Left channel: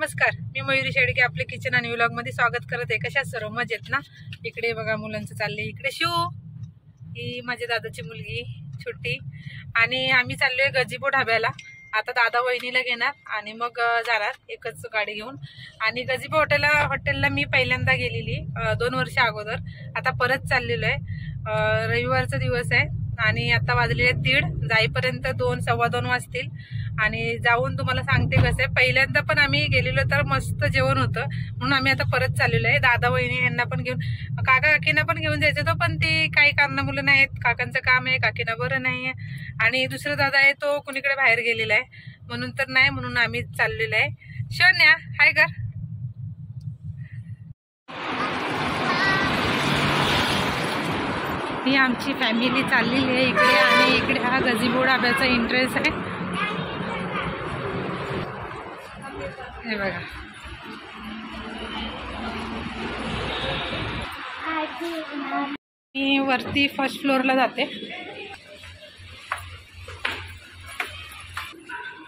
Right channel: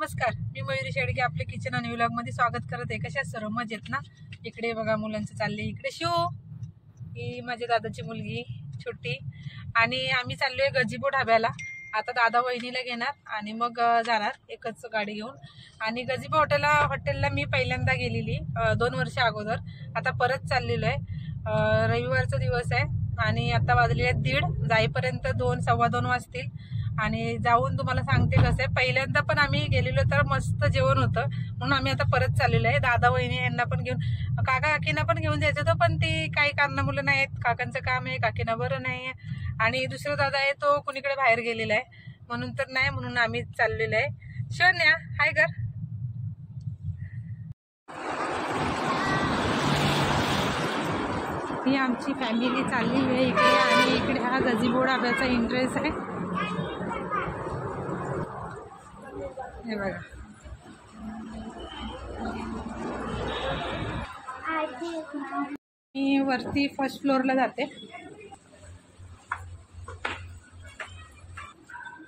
नमस्कार, मी मयुरी शेडगे आपले किचन आणि व्लॉग मध्ये स्वागत करत आहे। कशा सर्व मजेत ना? इकडे बघा मुलांचं चाललंय। इकडे शिव, ही माझ्या दादाची मुलगी छोटी, आणि आम्ही चाललोय गजीबो ढाब्याला। आता दादा वहिनीला घेणार आणि मग जाणार एकच गाडी घेऊन। आणि गजीबो हॉटेलला मी पहिल्यांदा गेलेली 2 वर्ष अगोदर। आता परत चाललेलो आहे। रविवारचा दिवस आहे आणि आता वाजलेले 1:30, जाईपर्यंत 2-2:15 वाजतील। आणि जाऊन तुम्हाला सांगते कसं आहे। पहिल्यांदा पण आम्ही गेलेलो तर मस्त जेवण होतं, म्हणून आम्ही आता परत चाललेलो आहे। दादा वहिनी यांना पण घेऊन, काका काकींना पण घेऊन जायचं होतं, पण ती काही कारणामुळे नाहीत। काकांचं काम आहे, काकींना बरं नाहीये, आणि दुसरा दादा आहे तो कुणीकडे बाहेर गेलेला आहे, म्हणून तर नाही, म्हणून आम्ही चाललेलो आहे। शोन्या हाय कर। ही आमची फॅमिली चाललेली आहे इकडे, आणि इकडे हा गजीबो ढाब्याचा एंट्रन्स आहे। हे बघा, मी वरती फर्स्ट फ्लोअरला जाते।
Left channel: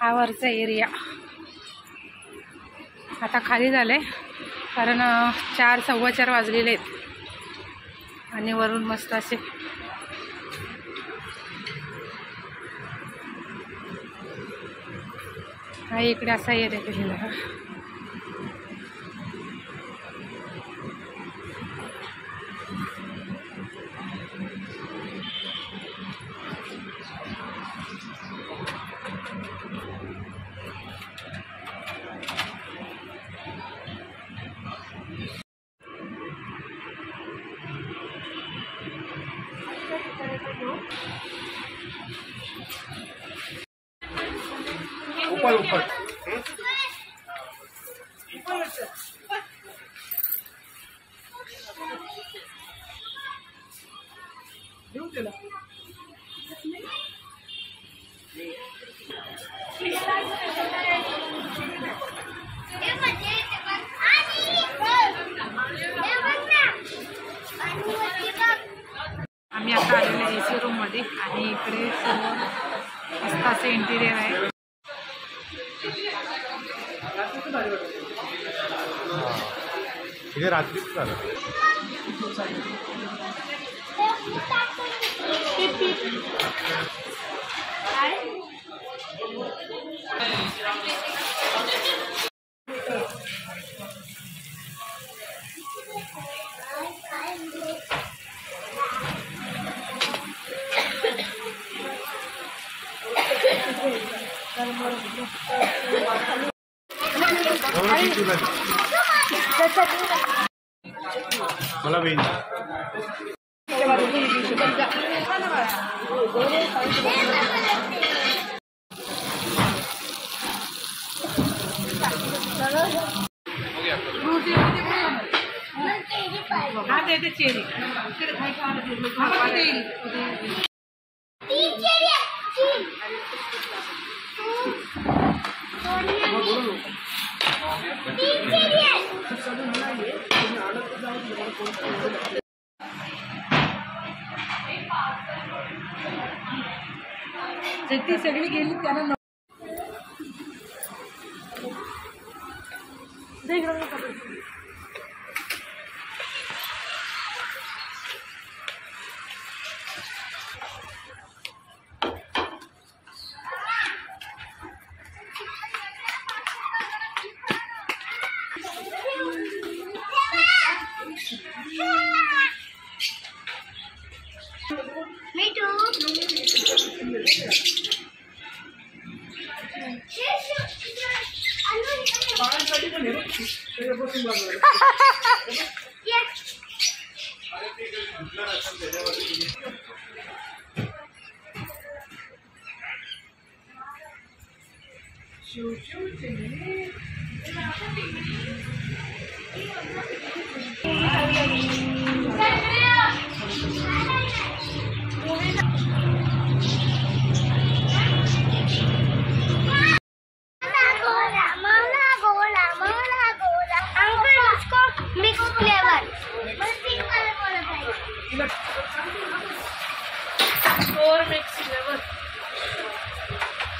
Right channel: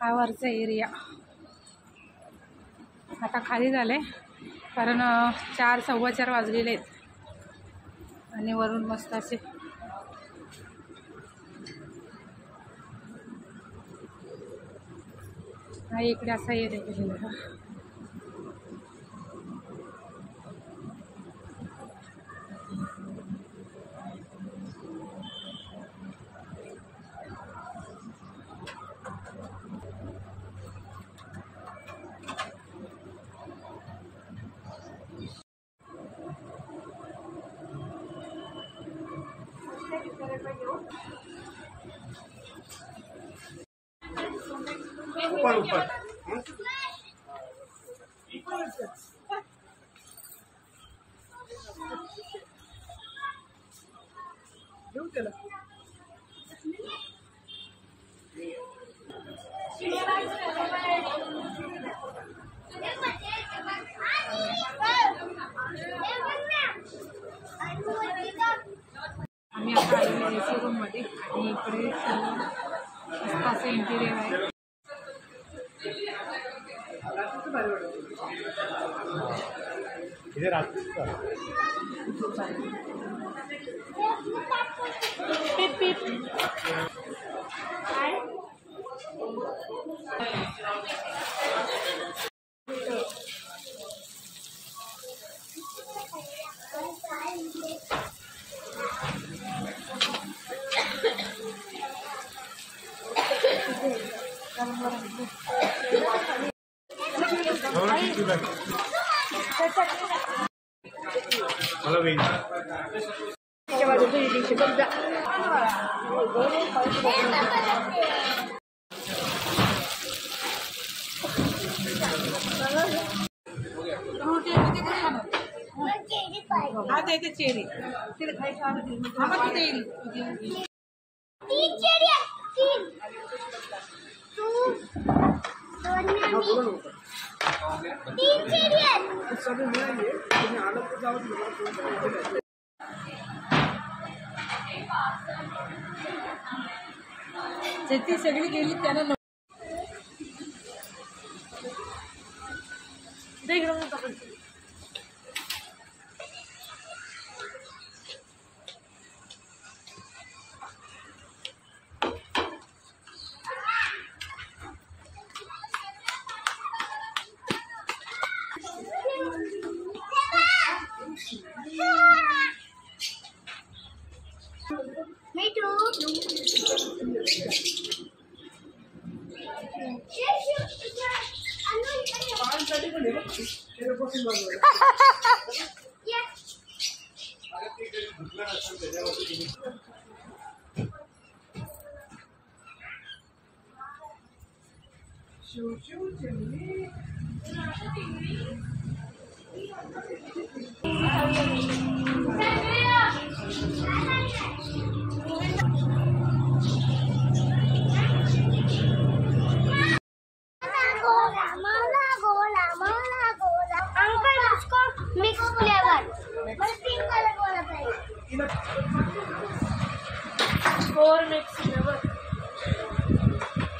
हा वरचा एरिया आता खाली झाले, कारण 4-4:15 वाजलेले आहेत, आणि वरून मस्त असे हा इकडे असा एरिया केलेला आहे। ऊपर आम्ही आता आलेलो आहे एसी रूम मध्ये, आणि इकडे सर्व मस्त असं इंटिरियर आहे। इथे रात्रीच झालं। ती सगळी गेली त्यानं Me too.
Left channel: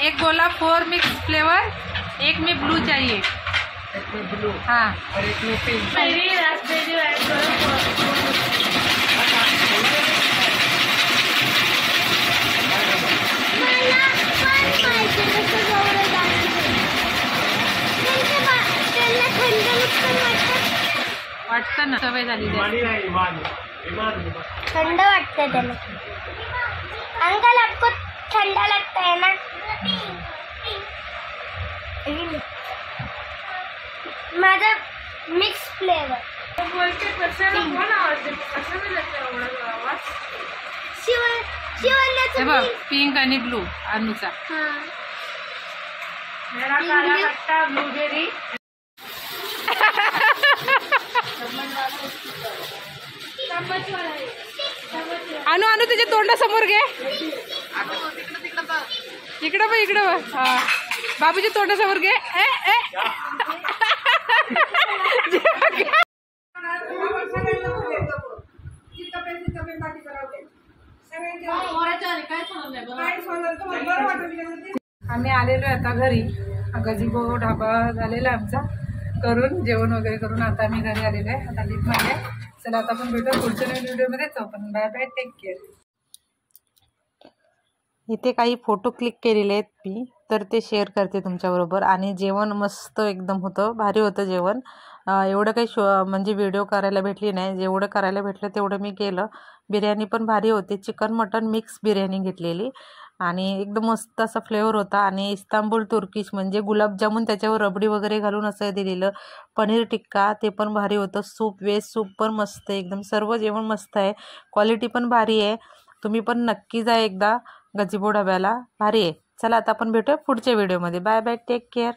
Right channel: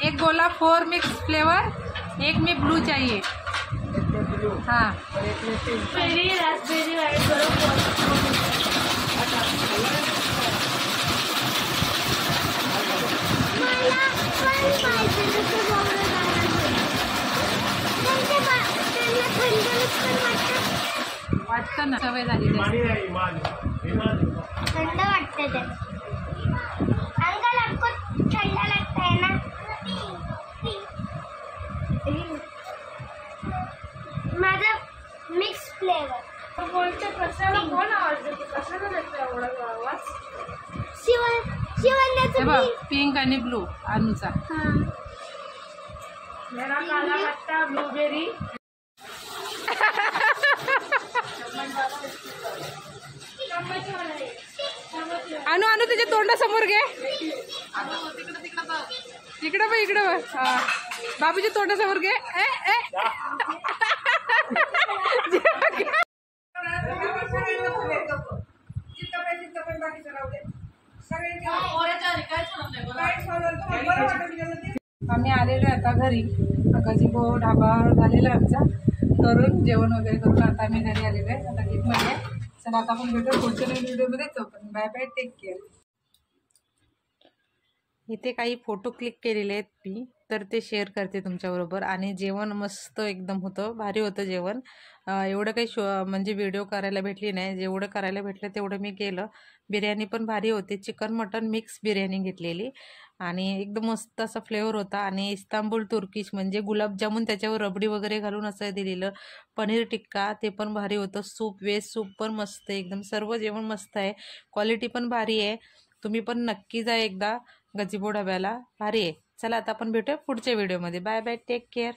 एक बोला 4 मिक्स फ्लेवर, एक में ब्लू चाहिए। ब्लू हाँ और एक में पिंक। मेरी रास्पबेरी वाटतं ना, सवय झालेली आहे. ठंड वाटते त्याला. अंकल आपको ठंडा लगता है ना? माझा मिक्स फ्लेवर. हे बघ, पिंक आणि ब्लू अनुचा. मेरा काला खट्टा ब्लूबेरी. अनु अनु तुझ्या तोंडासमोर घे. इकडं बघ, इकडं बघ. हा, बाबूच्या तोंडासमोर घे. आम्ही आलेलो आहे आता घरी. गजीबो ढाबा झालेला आहे आमचा करून, जेवण वगैरे करून आता आम्ही घरी आलेलो आहे. आता लिफ्टमध्ये. चला आता आपण भेटू पुढच्या नवीन व्हिडिओमध्ये. पण बाय बाय, टेक केअर. इथे काही फोटो क्लिक केलेले आहेत मी, तर ते शेअर करते तुमच्याबरोबर. आणि जेवण मस्त एकदम होतं, भारी होतं जेवण. एवढं काही म्हणजे व्हिडिओ करायला भेटली नाही. जेवढं करायला भेटलं तेवढं मी केलं. बिर्याणी पण भारी होती. चिकन मटन मिक्स बिर्याणी घेतलेली आणि एकदम मस्त असा फ्लेवर होता. आणि इस्तांबूल तुर्किश म्हणजे गुलाबजामुन त्याच्यावर रबडी वगैरे घालून असं दिलेलं. पनीर टिक्का ते पण भारी होतं. सूप, वेज सूप पण मस्त आहे एकदम. सर्व जेवण मस्त आहे. क्वालिटी पण भारी आहे. तुम्ही पण नक्की जा एकदा गजीबो ढाब्याला, भारी आहे. चला आता आपण भेटूया पुढच्या व्हिडिओमध्ये. Bye bye, take care.